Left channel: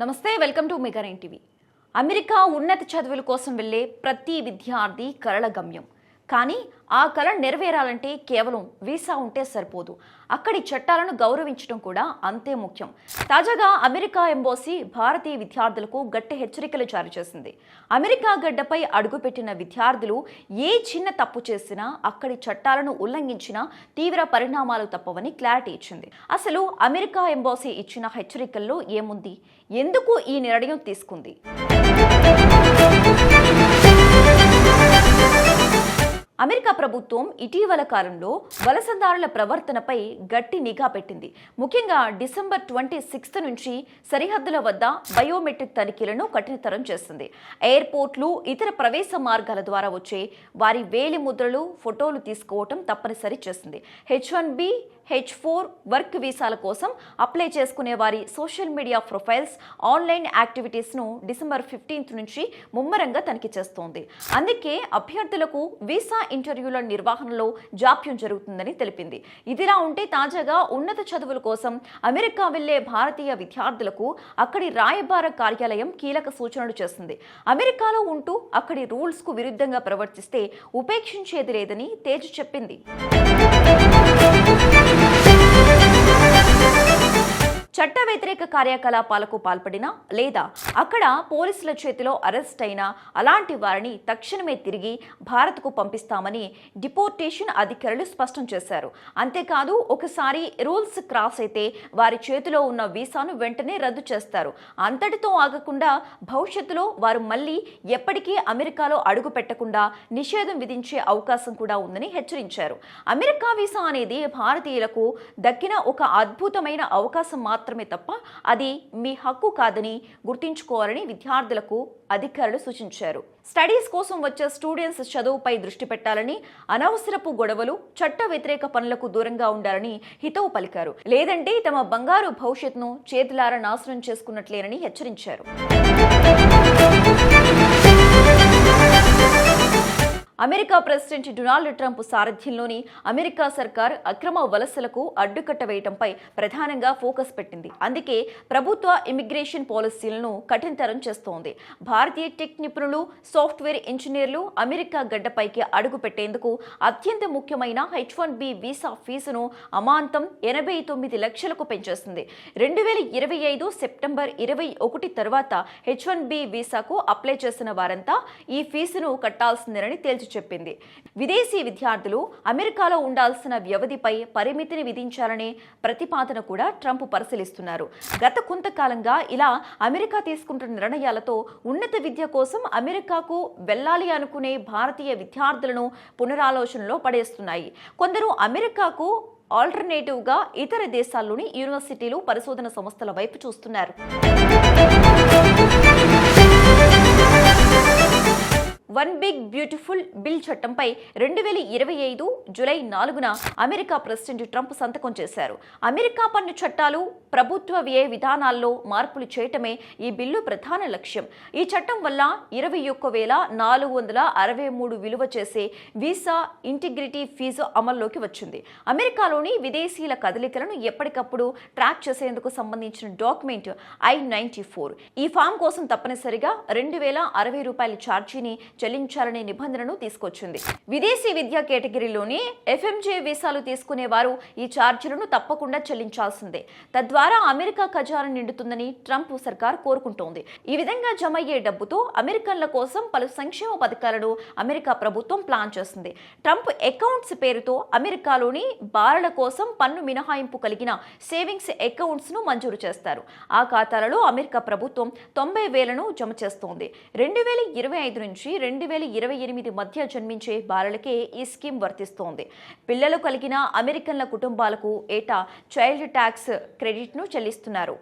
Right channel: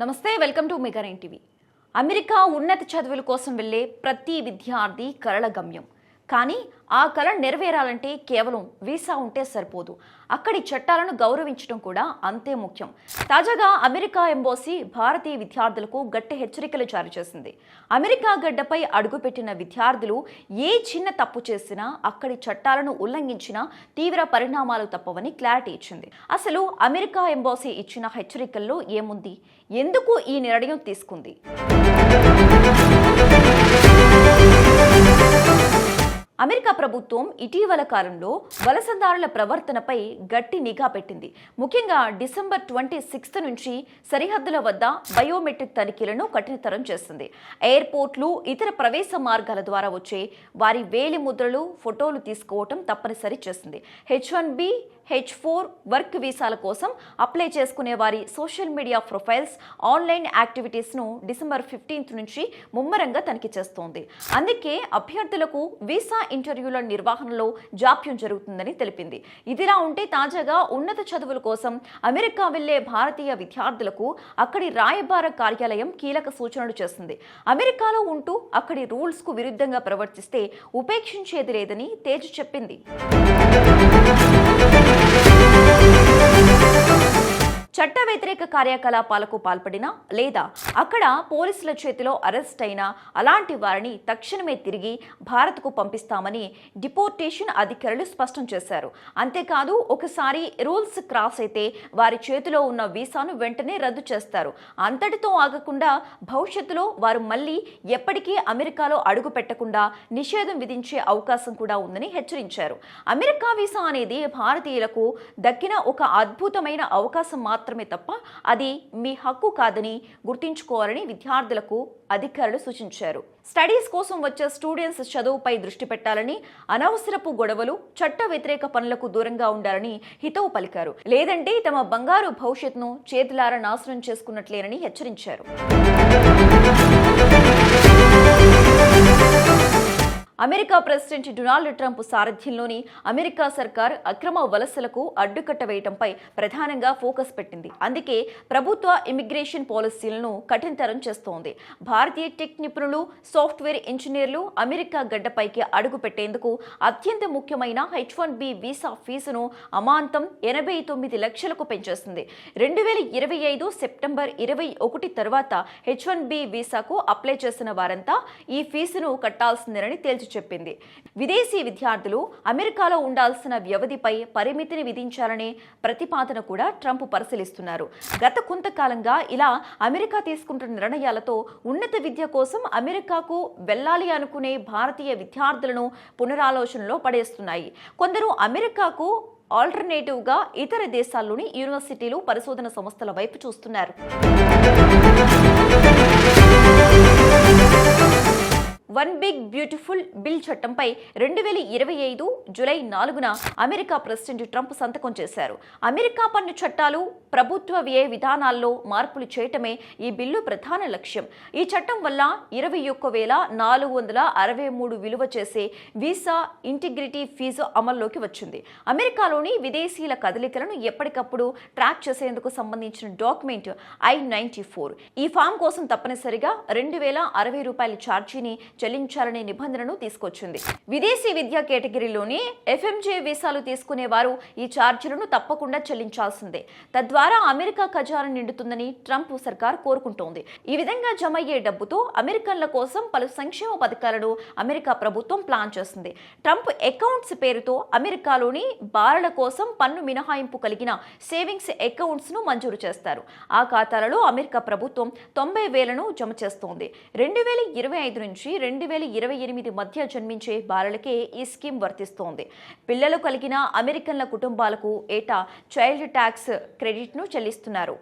నమస్తే, welcome to mega nine TV. America ఉన్నత చదువుల కోసం వెళ్లే ప్రతి విద్యార్థి కలల గమ్యం. కానీ ఆ కళ నెరవేరాలంటే కేవలం వీసా ఉంటే సరిపోదు. అక్కడి చట్టాలను గౌరవించడం కూడా అంతే ముఖ్యం. తాజాగా అమెరికా ఎంబసీ భారతీయ విద్యార్థులకు గట్టి హెచ్చరికలు జారీ చేసింది. అమెరికా గడ్డపై అడుగుపెట్టిన విద్యార్థులు ఏ చిన్న తప్పు చేసినా, అక్కడి చట్టాలను ఉల్లంఘించినా తీవ్ర పరిణామాలు తప్పవని క్లారిటీ ఇచ్చింది. అసలు అమెరికా ఎంబసీ ఇచ్చిన హెచ్చరికల్లో ఏముంది? ఎందుకు ఈ నిర్ణయం తీసుకుంది? అమెరికా ప్రభుత్వం ఇటీవల కాలంలో వలసదారుల ప్రవర్తనపై గట్టి నిఘా పెట్టింది. ముఖ్యంగా డిసెంబర్ 26 నుంచి సరిహద్దుల వద్ద బయోమెట్రిక్ తనిఖీలను కఠినతరం చేస్తుంది. ఎయిర్పోర్ట్లు, ఇతర ప్రవేశ మార్గాల ద్వారా వచ్చే వారి వేలి ముద్రలు, ఫోటోలు తీసుకోవటం తప్పనిసరి చేసింది. H1B, H4 వర్క్ వీసాల కోసం అప్లై చేసుకునే వారి సోషల్ మీడియా ప్రొఫైల్స్, ఆన్లైన్ యాక్టివిటీస్ను డిసెంబర్ 15 నుంచి ముమ్మరంగా తనిఖీ చేస్తోంది. అందుకే అభ్యర్థులకు వీసా ఇంటర్వ్యూల నిర్వహణలో జాప్యం జరుగుతుందని తెలిపింది. ఇదిలా ఉంటే తాజాగా ఉన్నత చదువుల కోసం అమెరికా వెళ్లే భారతీయ విద్యార్థులకు అక్కడి రాయబార కార్యాలయం కీలక సూచనలు చేస్తుంది. అమెరికాలో ఉంటూ అక్కడి రూల్స్ కు విరుద్ధంగా ప్రవర్తిస్తే ఉపేక్షించేది లేదని తేల్చి చెప్పింది. చట్ట వ్యతిరేక కార్యకలాపాలకు పాల్పడినా లేదా అక్కడ పోలీసుల చేతిలో అరెస్ట్ అయినా అలాంటి వారిని తక్షణమే తిరిగి భారత్కు పంపిస్తామని డిపోర్టేషన్ అధికారులు స్పష్టం చేశారు. అంతేకాదు, ఒకసారి రూల్స్ క్రాస్ అయితే వారి చేతిలో ఉన్న వీసాను వెంటనే రద్దు చేస్తారు. అంతటితో ఆగకుండా భవిష్యత్తులో వారు మళ్లీ ఎప్పటికీ అమెరికాలో అడుగు పెట్టకుండా నిషేధం విధించే అవకాశం కూడా ఉందని హెచ్చరించారు. అమెరికా వీసా అనేది భారతీయులకు దక్కిన ఒక అద్భుతమైన అవకాశం మాత్రమే తప్ప అది మీ హక్కు కాదని గుర్తుంచుకోవాలని విద్యార్థులకు అధికారులు సూచించారు. స్టడీస్ కోసం వచ్చే స్టూడెంట్స్ చదువుపై దృష్టి పెట్టాలని, అనవసరపు గొడవలు, చట్ట వ్యతిరేక పనులకు దూరంగా ఉండాలని హితవు పలికారు. లేదంటే తమ బంగారు భవిష్యత్తును చేతులారా నాశనం చేసుకున్నట్లేనని హెచ్చరించారు. అమెరికా ప్రెసిడెంట్ డొనాల్డ్ ట్రంప్ సారథ్యంలోని అమెరికా సర్కార్ అక్రమ వలసలకు అడ్డుకట్ట వేయడంపై ప్రధానంగా ఫోకస్ పెట్టింది. అందుకే ప్రభుత్వ ఇమిగ్రేషన్ పాలసీలను కఠినతరం చేస్తోంది. భారతీయ టెక్ నిపుణులు, సాఫ్ట్వేర్ ఇంజనీర్లు అమెరికా గడ్డపైకి అడుగు పెట్టేందుకు అత్యంత ముఖ్యమైన H1B వీసా ఫీజును అమాంతం 89 లక్షలకు పెంచేసింది. 2025 సెప్టెంబర్ 21 తర్వాత H1B వీసాకు అప్లై చేసిన వారంతా ఈ ఫీజును కట్టాల్సిందేనని తేల్చి చెప్పింది. విదేశీ విద్యార్థులు అమెరికాలో ఉండాల్సిన వ్యవధిపై పరిమితిని విధించాలనే ప్రతిపాదన కూడా ట్రంప్ పరిశీలిస్తున్నారు. గత కొంతకాలంగా ఇలా అమెరికా తీసుకుంటున్న నిర్ణయాలతో ఉన్నత విద్య కోసం అమెరికాకు వెళ్లాలి అనుకునే భారతీయ విద్యార్థులను పునరాలోచనలో పడేస్తున్నాయి. కొందరు అమెరికాకు ఆల్టర్నేటివ్గా ఇతర దేశాల్లోని యూనివర్సిటీలు, పరిశోధన సంస్థల వైపు చూస్తున్నారు. వన్ బిగ్ బ్యూటిఫుల్ బిల్ చట్టంపై 2025 జూలై 4న అమెరికా ప్రెసిడెంట్ ట్రంప్ సంతకం చేశారు. అమెరికా పన్ను చట్టాలు, ప్రభుత్వ వ్యయ విధానాల్లో మార్పులు చేయటమే ఈ బిల్లు ప్రధాన లక్ష్యం. ఈ చట్టం వల్ల 21,463 విలువ చేసే వీసా ఇంటిగ్రిటీ ఫీజు అమల్లోకి వచ్చింది. అమెరికాలోని విదేశీయుల కదలికలను ఎప్పటికప్పుడు ట్రాక్ చేసేందుకు సంబంధించిన డాక్యుమెంట్ I-94. ఈ ఫామ్ కోసం తప్పనిసరిగా $2,060 ఛార్జీని చెల్లించాలనే నిబంధనను తీసుకొచ్చింది. విదేశీ విద్యా కేటగిరీలోని FMJ వీసాలు తీసుకునే వారు ఈ ఛార్జీలను తప్పకుండా చెల్లించాల్సిందే. తద్వారా అమెరికా ఖజానా నిండుతుందని ట్రంప్ సర్కార్ కోరుకుంటోంది. ఈ విధంగా జమయ్యే డబ్బుతో అమెరికన్ల కోసం పలు సంక్షేమ పథకాలను అమెరికా ప్రభుత్వం ప్లాన్ చేస్తుంది. ట్రంప్ అకౌంట్స్ పేరుతో అమెరికాలోని బాలల కోసం పన్ను మినహాయింపు కలిగిన సేవింగ్స్ అకౌంట్స్ ను మంజూరు చేస్తారు. ఆ ఖాతాలలో అమెరికా ప్రభుత్వం 90,000ను జమ చేస్తోంది. 2025 నుంచి 2028 మధ్య జన్మించే బాలలకే ఈ స్కీమ్ వర్తిస్తోంది. పిల్లలు కలిగిన అమెరికన్ల కుటుంబాలకు ఏటా చైల్డ్ ట్యాక్స్ క్రెడిట్ను చెల్లిస్తున్నారు.